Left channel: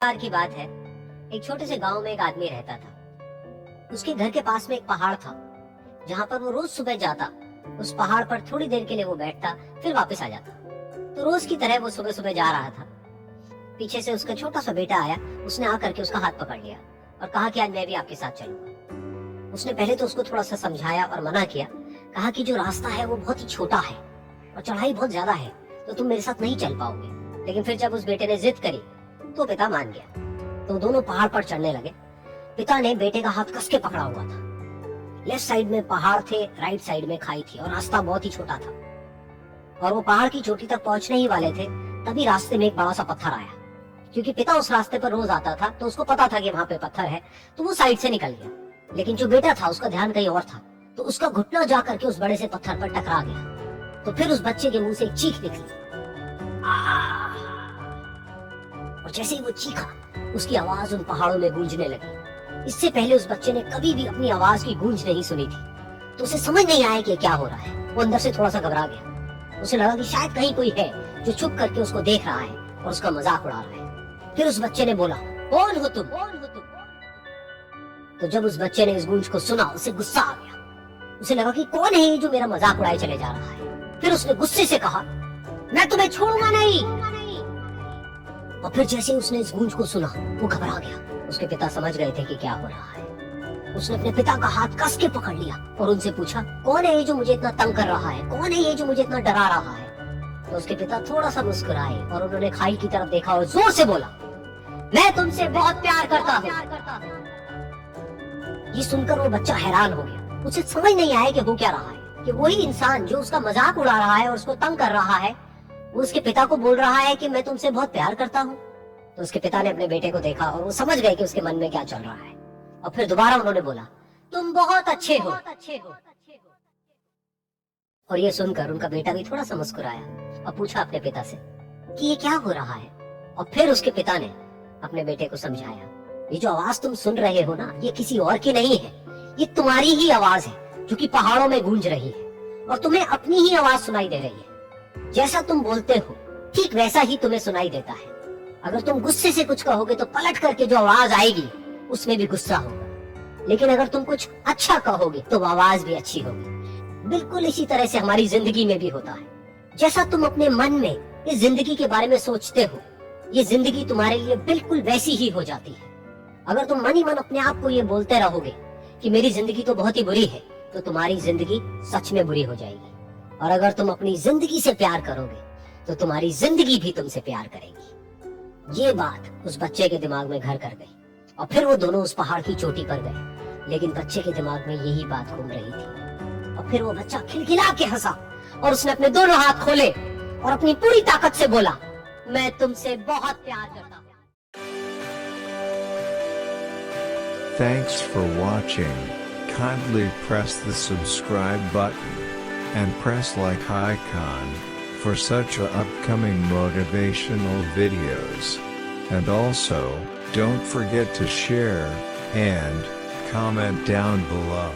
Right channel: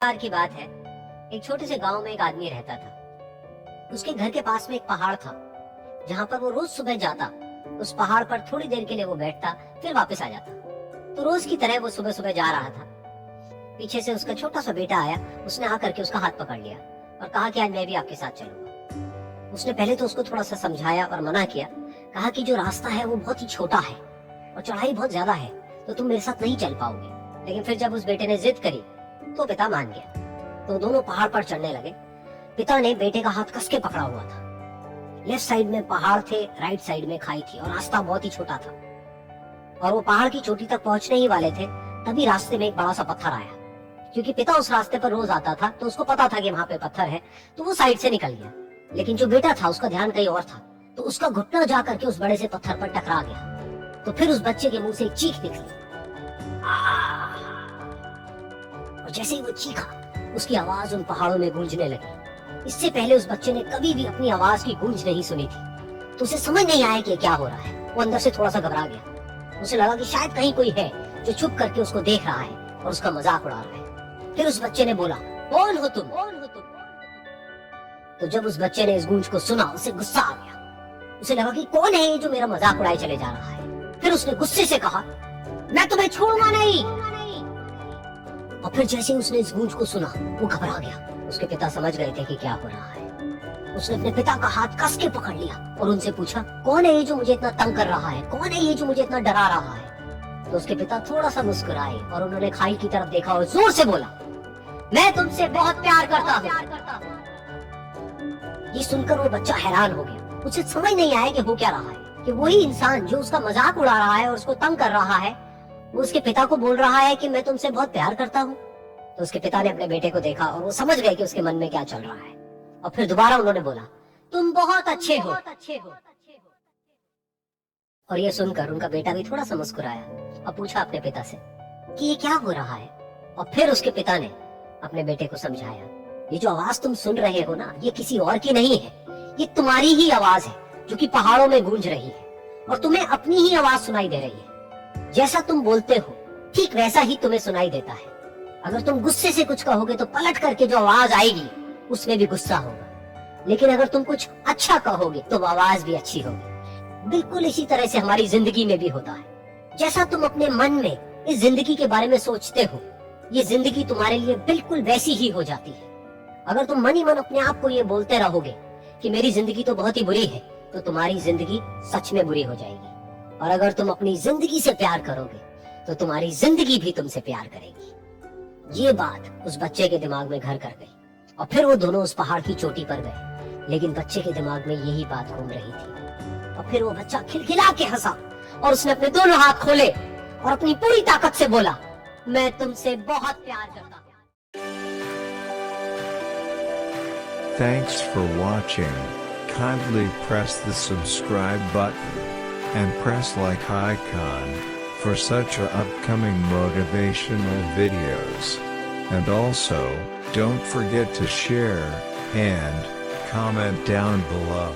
बार की बात है, एक छोटे से गांव में एक आदमी रहता था। उसके घर के पास में एक पहाड़ था, जहां पर वो रोज सुबह जाता। उस पहाड़ पर थोड़ी देर के लिए वो बैठता, फिर वापस आ जाता। तो रोज की तरह वो सुबह सुबह जा रहा था। पीछे से उसका छोटा सा बेटा आया। उसने आकर के उसका हाथ पकड़ लिया और कहा कि आज मैं भी आपके साथ चलूंगा। उसने पहले तो उसको थोड़ा सा समझाया और मना किया। कहा कि जो रास्ता है वो बहुत ही छोटा है और चढ़ाई बहुत ज्यादा है, तो तुम मेरे साथ नहीं चल पाओगे। लेकिन फिर जब उस बेटे ने जिद करी तो पिता मान गया। तो दोनों पहाड़ पर चढ़ने लगे। पिता ने बेटे का हाथ कस के पकड़ा हुआ था। लेफ्ट साइड में पहाड़ थे, राइट साइड में खाई थी और रास्ता बहुत ही छोटा था। और वो पहाड़ की चोटी तक पहुंचने ही वाले थे, तभी रास्ते में एक बड़ा सा पत्थर आया। क्योंकि पिता उस रास्ते पर रोज आता था, तो उसको पता था कि वहां पे पत्थर है, तो वो साइड से निकल गया। लेकिन जो बेटा था उसका ध्यान कहीं और था, तो उसका घुटना जा करके उस बड़े से पत्थर पर टकरा गया। तो फिर उस बच्चे के मुंह से एक चीख निकली। और जैसे ही वो चीखा, उसकी आवाज उन पहाड़ों में गूंजने लगी। इससे पहले उस बच्चे ने कभी भी अपनी आवाज की गूंज नहीं सुनी थी, तो उसे समझ नहीं आया कि क्या हो रहा है। वो अंदर से थोड़ा सा घबरा गया। उसे लगा कि शायद कहीं कोई है जो छुप करके उसको देख रहा है और उसका मजाक उड़ा रहा है। फिर उस बच्चे ने बोला, कौन हो तुम? तो जब उस बच्चे ने इस गूंज को सुना, उसे गुस्सा आ गया। उसे लगा कि कौन है जो मेरा मजाक उड़ाए चले जा रहा है। फिर उसने गुस्से से कहा, मैं तुम्हें छोड़ूंगा नहीं। और फिर जैसे उसने इस गूंज को सुना, वो घबरा गया। उसके पिता समझ गए थे कि क्या हो रहा है। उसने अपने पिता का हाथ कस के पकड़ लिया और उनसे पूछा, कौन है ये जो मुझे इतना तंग कर रहा है? कौन है ये जो मुझे इतना डरा रहा है? तो उसके पिता थोड़ा सा मुस्कुराए और उन्होंने खाई की तरफ देखा और जोर से बोला, मैं तुमसे बहुत प्यार करता हूँ। ये सुनकर वो बच्चा हैरान हो गया। उसे समझ नहीं आया कि हो क्या रहा है, कि वही इंसान जो उसका मजाक उड़ा रहा है और उसको तंग कर रहा है, वो उसके पिता को बोल रहा है कि मैं तुमसे बहुत प्यार करता हूँ। तो उसके पिता ने अपने बेटे को देखा और वो समझ गए कि उसके मन में क्या चल रहा है। और फिर दोबारा उन्होंने बोला, तुम बहुत अच्छे हो। और ये सुनकर उनका बेटा भी थोड़ा सा मुस्कुराया और पूछा अपने पिता से कि ये क्या हो रहा है। और फिर उसके पिता ने अपने बेटे को समझाया, ये जो आवाज तुम सुन रहे हो ना, ये किसी और की नहीं है, ये तुम्हारी ही आवाज है जो कि पहाड़ों में गूंज रही है। और तुम्हें अपनी ही आवाज सुनाई दे रही है। जैसा तुम बोलते हो ठीक वैसा ही तुम्हें सुनाई देता है। अगर तुम गुस्से से कुछ कहोगे तो पलट करके जो आवाज आएगी उसमें भी गुस्सा होगा। लेकिन अगर तुम कुछ अच्छा कहोगे तो आवाज भी अच्छी होगी। बिल्कुल इसी तरह से हमारी जिंदगी में भी होता है। जैसा तुम अपने मन में इस जिंदगी के बारे में सोचते हो, ये जिंदगी तुम्हारे लिए बिल्कुल वैसी ही हो जाती है। अगर तुम मन ही मन अपने आप को ये बोलते रहोगे कि मेरी जिंदगी तो बहुत ही बुरी है, तो तुम्हारी जिंदगी सच में बुरी हो जाएगी। और अगर तुम अपनी जिंदगी से प्यार करोगे तो तुम्हारी जिंदगी भी तुमसे प्यार करेगी। ये बात उस बच्चे के दिमाग में घर कर गई और फिर वो दोनों उस पहाड़ की चोटी पर गए। लेकिन बच्चे के दिमाग में यही बात घूम रही थी। और फिर वो बच्चा खिलखिला के हंसा और उसने अपने दोनों हाथ खोले और अपनी पूरी ताकत से बोला, मैं तुमसे बहुत प्यार करता हूँ। Thanks for watching. Kindly press the subscribe button and press like icon for such upcoming motivational videos. And also, don't forget to share and comment down below.